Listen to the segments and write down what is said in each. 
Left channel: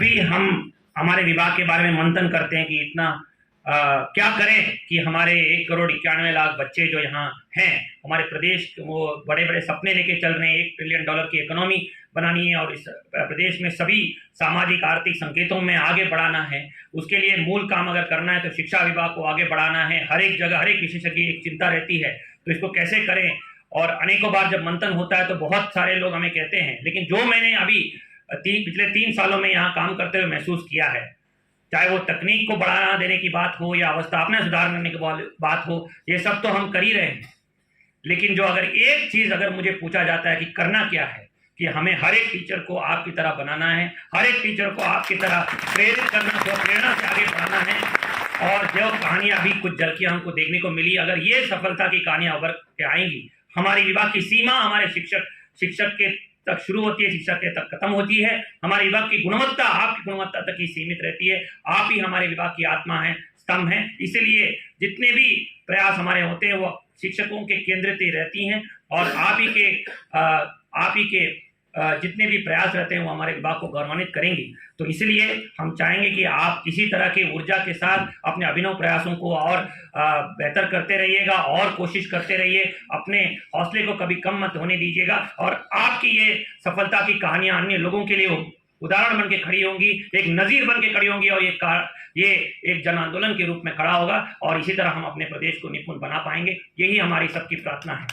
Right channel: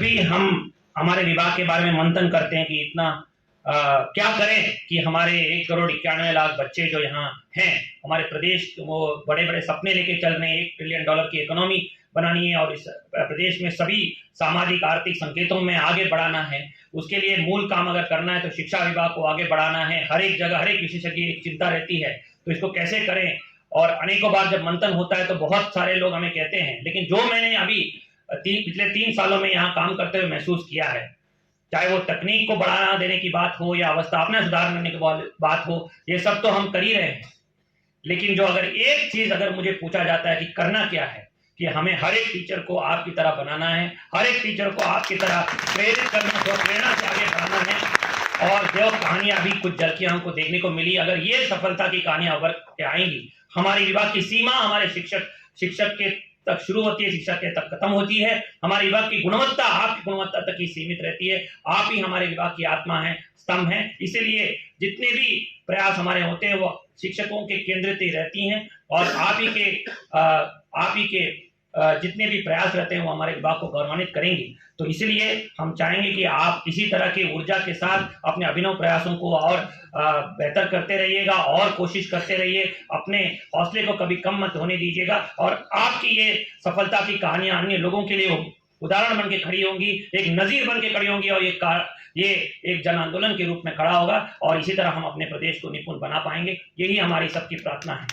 भी हम हमारे विभाग के बारे में मंथन करते हैं कि इतना क्या करें कि हमारे 1,91,00,000 बच्चे जो यहाँ हैं, हमारे प्रदेश वो बड़े बड़े सपने लेके चल रहे हैं, $1 ट्रिलियन की इकोनॉमी बनानी है और इस प्रदेश में सभी सामाजिक आर्थिक संकेतों में आगे बढ़ाना है। उसके लिए मूल काम अगर करना है तो शिक्षा विभाग को आगे बढ़ाना है। हर एक जगह हर एक विशेषज्ञ की एक चिंता रहती है, तो इसको कैसे करें। और अनेकों बार जब मंथन होता है तो बहुत सारे लोग हमें कहते हैं, लेकिन जो मैंने अभी पिछले 3 सालों में यहाँ काम करते हुए महसूस किया है, चाहे वो तकनीक को बढ़ावा देने की बात हो या अवस्थापना सुधार करने की बात हो, ये सब तो हम कर ही रहे हैं। लेकिन जो अगर एक चीज अगर मुझे पूछा जाता है कि करना क्या है, कि हमें हर एक टीचर को आपकी तरह बनाना है, हर एक टीचर को आपकी तरह प्रेरित करना, प्रेरणा से आगे बढ़ाना है। और जो कहानियां अभी कुछ झलकियां हमको देखने को मिली, अगर ये सफलता की कहानियां उभर के आएंगी, हमारी विभाग की सीमा हमारे शिक्षक के तक शुरू होती है, शिक्षक के तक खत्म होती है। हमारे विभाग की गुणवत्ता आपकी गुणवत्ता तक ही सीमित रहती है। आप ही हमारे विभाग की आत्मा है, स्तंभ है। इसीलिए जितने भी प्रयास हमारे होते हैं वो शिक्षकों के केंद्रित ही रहती हैं और आप ही के जितने भी प्रयास रहते हैं वो हमारे विभाग को गौरवान्वित करेंगे। तो इसलिए हम चाहेंगे कि आप इसी तरह की ऊर्जा के साथ अपने अभिनव प्रयासों को और बेहतर करते रहिएगा और कोशिश करते रहिए। अपने हौसले को कभी कम मत होने दीजिएगा और आपकी ये सफलता की कहानियां अन्य लोगों के लिए उदाहरण बन के खड़ी होंगी, एक नजीर बन के खड़ी होंगी और ये एक जन आंदोलन के रूप में खड़ा होगा और इसी तरह हम अपने प्रदेश को निपुण बना पाएंगे। यही हमारी सबकी प्रार्थना है।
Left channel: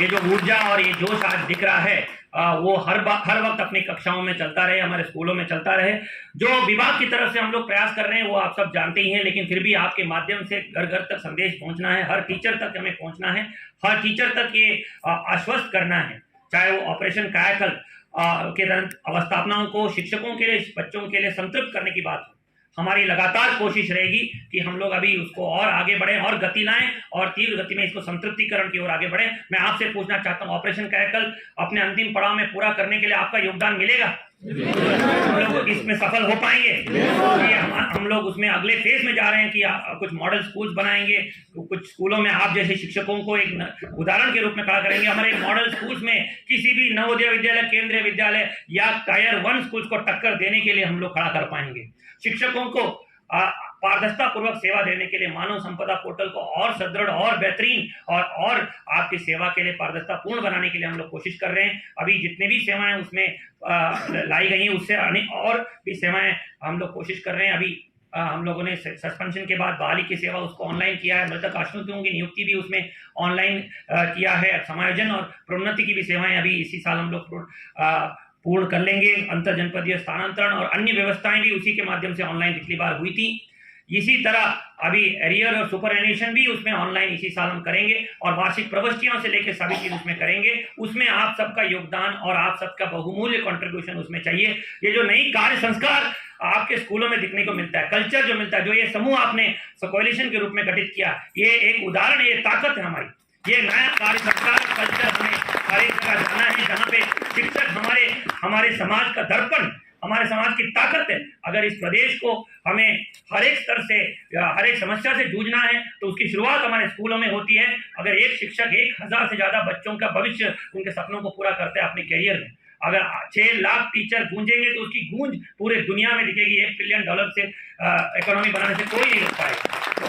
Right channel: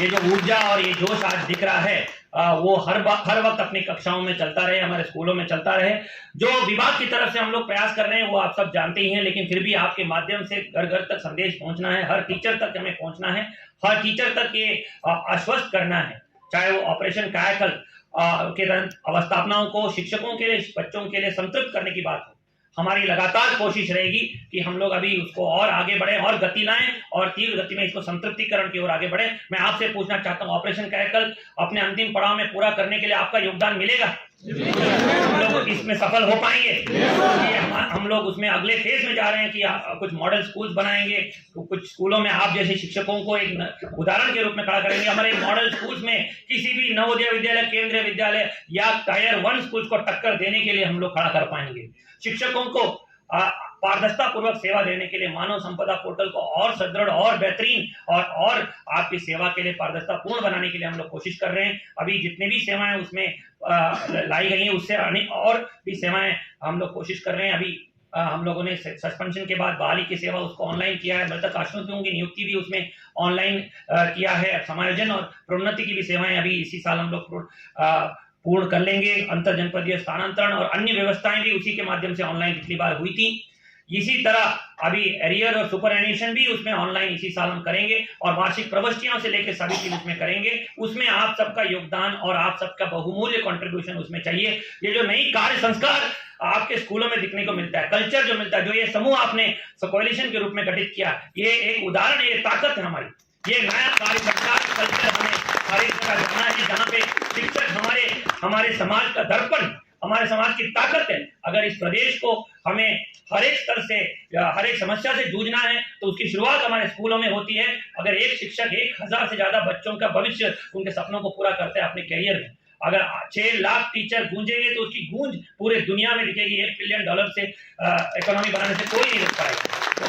ये जो ऊर्जा और ये जोश आज दिख रहा है वो हर वक्त अपनी कक्षाओं में चलता रहे, हमारे स्कूलों में चलता रहे। जो विभाग की तरफ से हम लोग प्रयास कर रहे हैं वो आप सब जानते ही हैं, लेकिन फिर भी आपके माध्यम से घर घर तक संदेश पहुंचना है, हर टीचर तक हमें पहुंचना है, हर टीचर तक ये आश्वस्त करना है, चाहे वो ऑपरेशन कायाकल्प के तहत अवस्थापनाओं को शिक्षकों के लिए, बच्चों के लिए संतृप्त करने की बात हो। हमारी लगातार कोशिश रहेगी कि हम लोग अभी उसको और आगे बढ़े और गति लाएं और तीव्र गति में इसको संतृप्तिकरण की ओर आगे बढ़े। मैं आपसे पूछना चाहता हूं, ऑपरेशन कायाकल्प अपने अंतिम पड़ाव में पूरा करने के लिए आपका योगदान मिलेगा? हम लोग इसमें सफल हो पाएंगे? हम लोग उसमें अगले फेज में जा रहे हैं कि कुछ मॉडल स्कूल्स बनाएंगे, कुछ स्कूलों में आप जैसे शिक्षकों को एक उदाहरण के रूप में खड़ा करेंगे। हमारे मॉडल स्कूल्स में किसी भी नवोदय विद्यालय, केंद्रीय विद्यालय या टायर 1 स्कूल्स को टक्कर देने के लिए हम लोग खड़ा कर पाएंगे। शिक्षकों को पारदर्शिता पूर्वक सेवा देने के लिए मानव संपदा पोर्टल को और सुदृढ़ और बेहतरीन और आपकी सेवा के लिए पारदर्शिता पूर्ण बनाने के लिए हम लोग कोशिश कर रहे हैं। अभी जितनी भी सेवाएं उसमें लाई गई हैं उससे और भी सेवाएं हम लोग कोशिश कर रहे हैं। अभी हम लोगों ने सस्पेंशन के बाद बहाली की सेवा उसको ऑनलाइन किया है, मृतक आश्रितों की नियुक्ति भी उसमें ऑनलाइन किया है, समायोजन और प्रोन्नति की भी सेवाएं अभी इसी साल हम लोग पूर्ण कर लेंगे। अंतर जनपदीय स्थानांतरण और अन्य व्यवस्थाएं भी उसी के माध्यम से ऑनलाइन पिछली बार हुई थी। इसी तरह अभी एरियर और सुपर एनिमेशन भी उसमें ऑनलाइन इसी साल हम करेंगे और वार्षिक प्रविष्टियों से लेकर सभी चीज उसमें करेंगे। उसमें आप सबका योगदान और आप सबका बहुमूल्य कंट्रीब्यूशन उसमें चाहिए। ये जो नई कार्य संस्कार आपके स्कूलों में दिखने को मिलता है, कल्चर जो मिलता है, जो ये समूह आपने कोएलिशन के रूप में गठित किया, ये एक उदाहरण है, ये ताकत है हमारी। ये नया कार्य संस्कार कल्चर हमें हर एक जगह जाना है जहाँ पे शिक्षक हमारे समाज का दर्पण, हमारे समाज की ताकत है। अगर इस प्रदेश को हमें हर एक स्तर से या हर एक समस्या से जूझना है तो उसकी शुरुआत हमारे स्कूलों में होती है। अगर एक शिक्षक 1000 से ज्यादा बच्चों का भविष्य, उनके सपनों को पूरा करते हैं अपने कैरियर में, अगर 6 लाख टीचर गूंजेंगे तो उसकी गूंज पूरे दुनिया में दिखेगी। $1 ट्रिलियन से इकोनॉमी बनाने से कोई नहीं रोक पाएगा। तो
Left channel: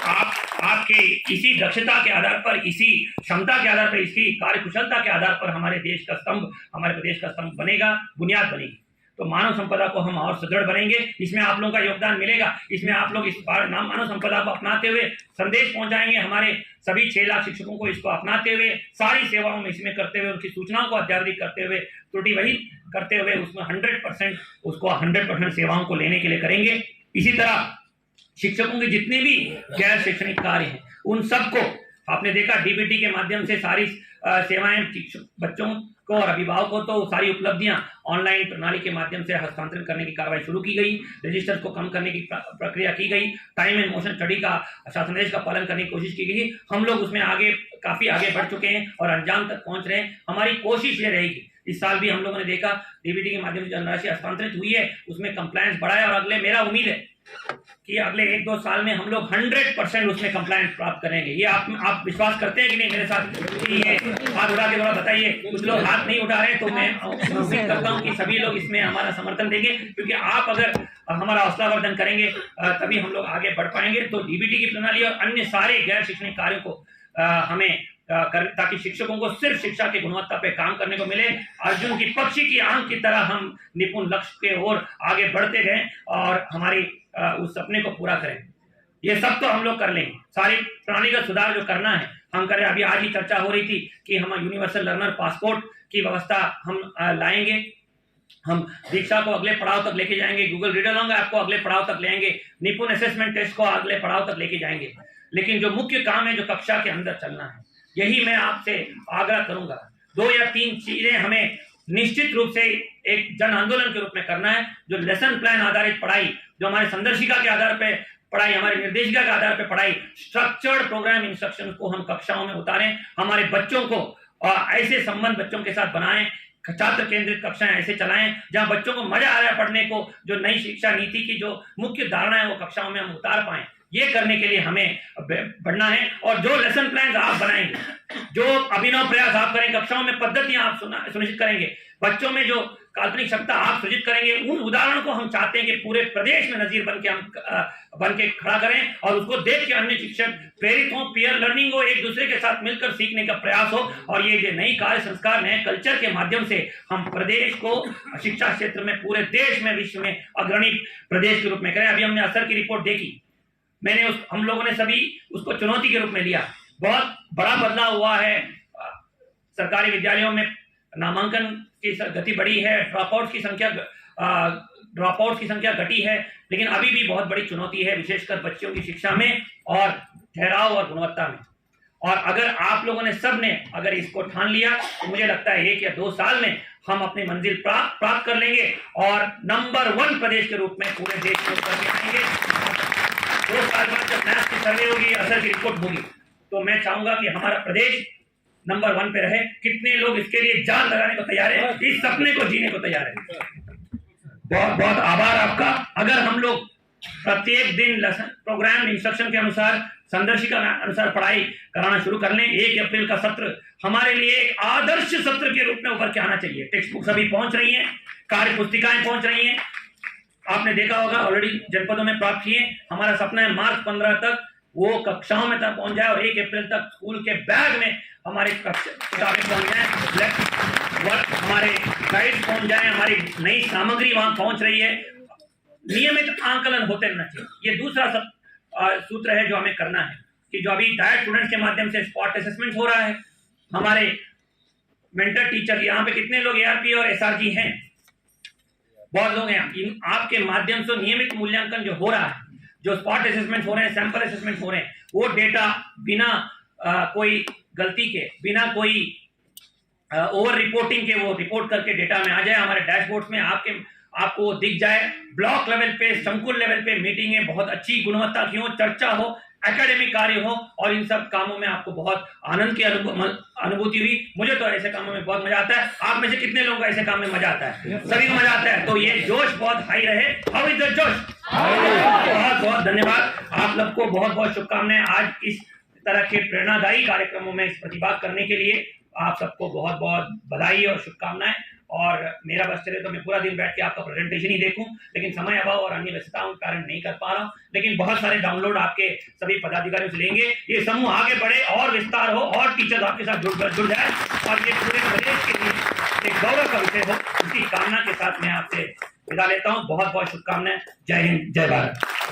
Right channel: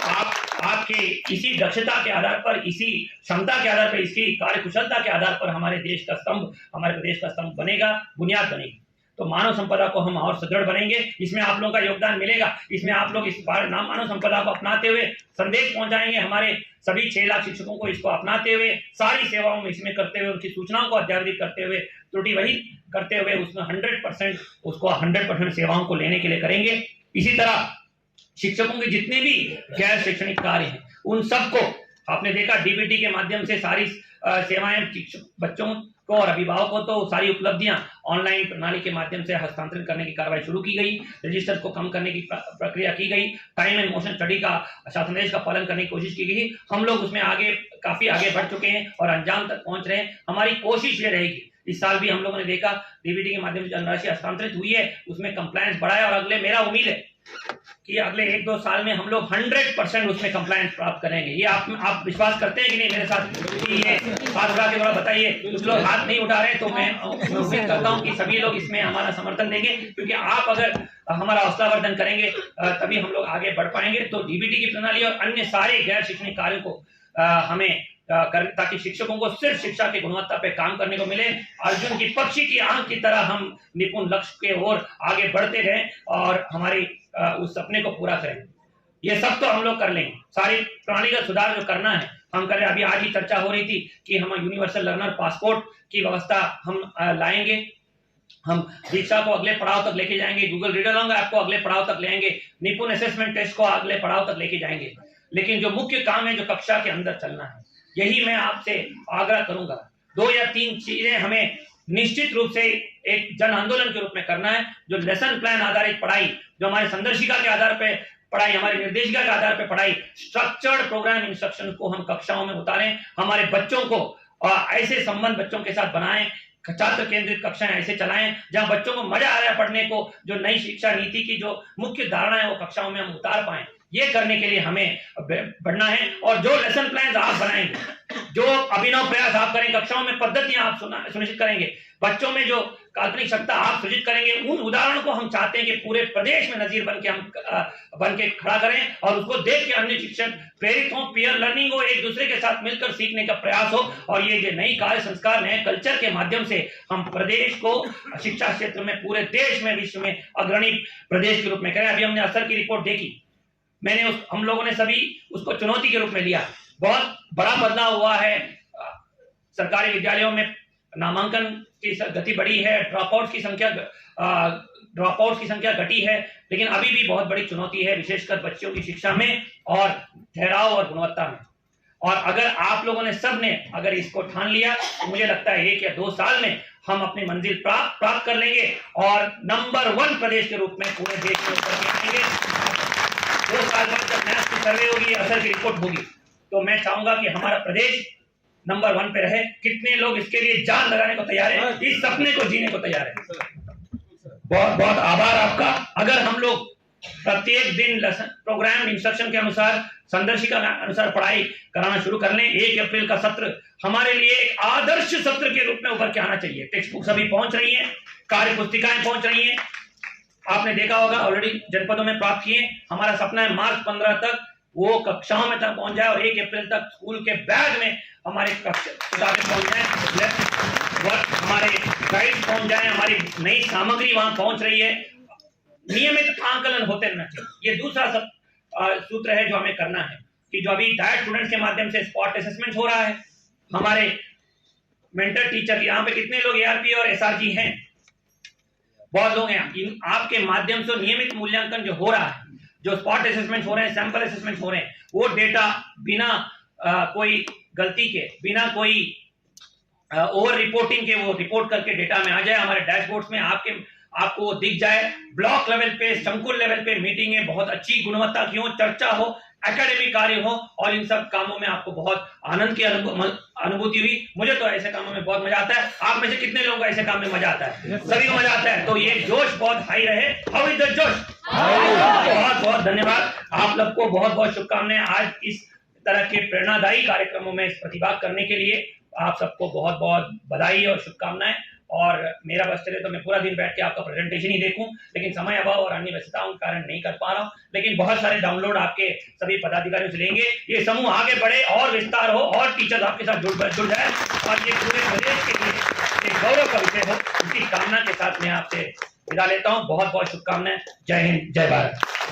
आपके इसी दक्षता के आधार पर, इसी क्षमता के आधार पर, इसी कार्यकुशलता के आधार पर हमारे देश का स्तंभ, हमारे प्रदेश का स्तंभ बनेगा, बुनियाद बनेगी। तो मानव संपदा को हम और सुदृढ़ बनेंगे, इसमें आप लोगों का योगदान मिलेगा। इसमें आप लोग इस बार मानव संपदा को अपनाते हुए संदेश पहुंचाएंगे हमारे सभी 6 लाख शिक्षकों को, इसको अपनाते हुए सारी सेवाओं में इसमें करते हुए, उनकी सूचनाओं को अद्यतन करते हुए, त्रुटि रहित करते हुए उसमें 100% उसको 100% सेवाओं को लेने के लिए करेंगे। इसी तरह शिक्षकों के जितने भी गैर शैक्षणिक कार्य हैं उन सबको आपने देखा डीबीटी के माध्यम से सारी सेवाएं बच्चों को और अभिभावकों को सारी उपलब्धियां ऑनलाइन प्रणाली के माध्यम से हस्तांतरित करने की कार्रवाई शुरू की गई। रजिस्टर को कम करने की प्रक्रिया की गई। टाइम एंड मोशन स्टडी का शासनादेश का पालन करने की कोशिश की गई। हम लोग उसमें काफी आगे बढ़ चुके हैं और अंजाम तक पहुंच रहे हैं। हमारी कोशिश ये रहेगी, इस साल भी हम लोगों ने देखा डीबीटी के माध्यम से धनराशि हस्तांतरित हुई है, उसमें कंप्लायंस बढ़ा है और अगले मेरा उम्मीद है कि अगले 1-2 साल में हम लोग 100% उसमें कंप्लायंस प्राप्त करेंगे। ये आप विश्वास करते हैं कि नहीं मेरे साथ? कि ये हाथ उठा के थोड़ा बताइए। कुछ लोग हाथ नहीं उठा रहे, तो मैं उम्मीद करता हूँ कि सभी लोग इसमें हमारा समर्थन देंगे, क्योंकि आप अगर हमारा हौसलावर्धन करेंगे तभी हम लोग आगे बढ़ पाएंगे। तो डीबीटी की प्रणाली और अन्य सारे गैर शैक्षणिक कार्यों को हमें ताकि शिक्षकों को सिर्फ शिक्षा की गुणवत्ता पे काम करने को मिले, अर्जुन की पक्षी की आंख की तरह हम निपुण लक्ष्य के ओर आगे बढ़ते रहें और हमारी उस सपने को पूरा करें। ये सब तो हम लोग कर लेंगे। सारी प्रणालीगत सुधार जो करना है हम करें। अभी आज ही चर्चा हो रही थी कि हम यूनिवर्सल लर्नर पासपोर्ट की व्यवस्था हम लाएंगे। हम दीक्षा को अगले पड़ाव तक लेके जाएंगे, गूगल रीडर लॉन्ग ऐप को अगले पड़ाव तक लेंगे, निपुण असेसमेंट टेस्ट को अगले पड़ाव तक लेके जाएंगे। लेकिन जो मुख्य काम है जो कक्षा के अंदर चलना है, यही मैं आपसे आग्रह करूंगा। 2 या 3 चीजें हमें निश्चित रूप से एक जन आंदोलन के रूप में करना है। जो लेसन प्लान आधारित पढ़ाई, जो हमारे संदर्शिका के आधार पर पढ़ाई, हमारे निर्देशिका के आधार पर पढ़ाई, स्ट्रक्चर्ड प्रोग्राम इंस्ट्रक्शन को हम कक्षाओं में उतारें। हमारे बच्चों को ऐसे संबंध बच्चों के साथ बनाएं, छात्र केंद्रित कक्षाएं ऐसे चलाएं जहां बच्चों को मजा आ रहा है पढ़ने को। जो नई शिक्षा नीति की जो मुख्य धारणा है वो कक्षाओं में हम उतार पाएं। ये करने के लिए हमें बढ़ना है। और जो लेसन प्लान आप बनाएंगे, जो अभिनव प्रयास आप करेंगे, कक्षाओं में पद्धतियां आप सुनिश्चित करेंगे, बच्चों में जो काल्पनिक क्षमता आप सृजित करेंगे, उन उदाहरणों को हम चाहते हैं कि पूरे प्रदेश में नजीर बन के खड़ा करें और उसको देख के अन्य शिक्षक प्रेरित हों, पीयर लर्निंग हो, एक दूसरे के साथ मिलकर सीखने का प्रयास हो। और ये जो नई कार्य संस्कार, नए कल्चर के माध्यम से हम प्रदेश को शिक्षा क्षेत्र में पूरे देश में, विश्व में अग्रणी प्रदेश के रूप में करें। अभी हमने असर की रिपोर्ट देखी, हम लोगों ने सभी उसको चुनौती के रूप में लिया। बहुत बड़ा बदलाव हुआ है। सरकारी विद्यालयों में नामांकन की गति बढ़ी है, ड्रॉपआउट की संख्या घटी है, लेकिन अभी भी बहुत बड़ी चुनौती है, विशेषकर बच्चों की शिक्षा में और ठहराव और गुणवत्ता में। और अगर आप लोगों ने सबने अगर इसको ठान लिया तो मुझे लगता है 1 या 2 साल में हम अपनी मंजिल प्राप्त कर लेंगे और नंबर 1 प्रदेश के रूप में पूरे देश में उतर के आएंगे। 2 साल बाद जब मैथ की सर्वे होगी, असर की रिपोर्ट होगी, तो मैं चाहूंगा कि हमारा प्रदेश नंबर 1 पे रहे। कितने लोग इसके लिए जान लगाने को तैयार है, इस सपने को जीने को तैयार है? बहुत बहुत आभार आपका। अगर हम लोग प्रत्येक दिन प्रोग्राम इंस्ट्रक्शन के अनुसार, संदर्शिका के अनुसार पढ़ाई कराना शुरू कर लें, 1 अप्रैल का सत्र हमारे लिए एक आदर्श सत्र के रूप में उभर के आना चाहिए। टेक्स्ट बुक सभी पहुंच रही है, कार्य पुस्तिकाएं पहुंच रही हैं, आपने देखा होगा ऑलरेडी जनपदों में प्राप्त किए। हमारा सपना है मार्च 15 तक वो कक्षाओं में तक पहुंच जाए और 1 अप्रैल तक स्कूल के बैग में हमारे किताबें पहुंच जाए, हमारे गाइड पहुंच जाए, हमारी नई सामग्री वहां पहुंच रही है। नियमित आंकलन होते रहना चाहिए। ये दूसरा सूत्र है जो हमें करना है कि जो अभी डायट स्टूडेंट्स के माध्यम से स्पॉट असेसमेंट हो रहा है, हमारे मेंटर टीचर, यहाँ पे कितने लोग एआरपी और एसआरजी हैं? बहुत लोग हैं। आपके माध्यम से नियमित मूल्यांकन जो हो रहा है, जो स्पॉट असेसमेंट हो रहे हैं, सैंपल असेसमेंट हो रहे हैं, वो डेटा बिना कोई गलती के, बिना कोई ओवर रिपोर्टिंग के वो रिपोर्ट करके डेटा में आ जाए, हमारे डैशबोर्ड्स में आपको वो दिख जाए। ब्लॉक लेवल पे, संकुल लेवल पे मीटिंगें बहुत अच्छी गुणवत्ता की हो, चर्चा हो, एकेडमिक कार्य हो और इन सब कामों में आपको बहुत आनंद की अनुभूति हुई। मुझे तो ऐसे कामों में बहुत मजा आता है। आप में से कितने लोगों को ऐसे काम में मजा आता है? सभी को मजा आता है। तो ये जोश बहुत हाई रहे। हाउ इज द जोश? बहुत बहुत धन्यवाद। आप लोग को बहुत बहुत शुभकामनाएं आज इस तरह के प्रेरणादायी कार्यक्रमों में प्रतिभाग करने के लिए। आप सबको बहुत बहुत बधाई और शुभकामनाएं। और मेरा बस चले तो मैं पूरा दिन बैठ के आपका प्रेजेंटेशन ही देखूं, लेकिन समय अभाव और अन्य व्यस्तताओं के कारण नहीं कर पा रहा हूं। लेकिन बहुत सारे डाउनलोड आपके सभी पदाधिकारियों से लेंगे। ये समूह आगे बढ़े और विस्तार हो और टीचर्स आपके साथ जुड़ जाए और ये पूरे प्रदेश के लिए एक गौरव का विषय हो, इसकी कामना के साथ मैं आपसे विदा लेता हूँ। बहुत बहुत शुभकामनाएं। जय हिंद, जय भारत।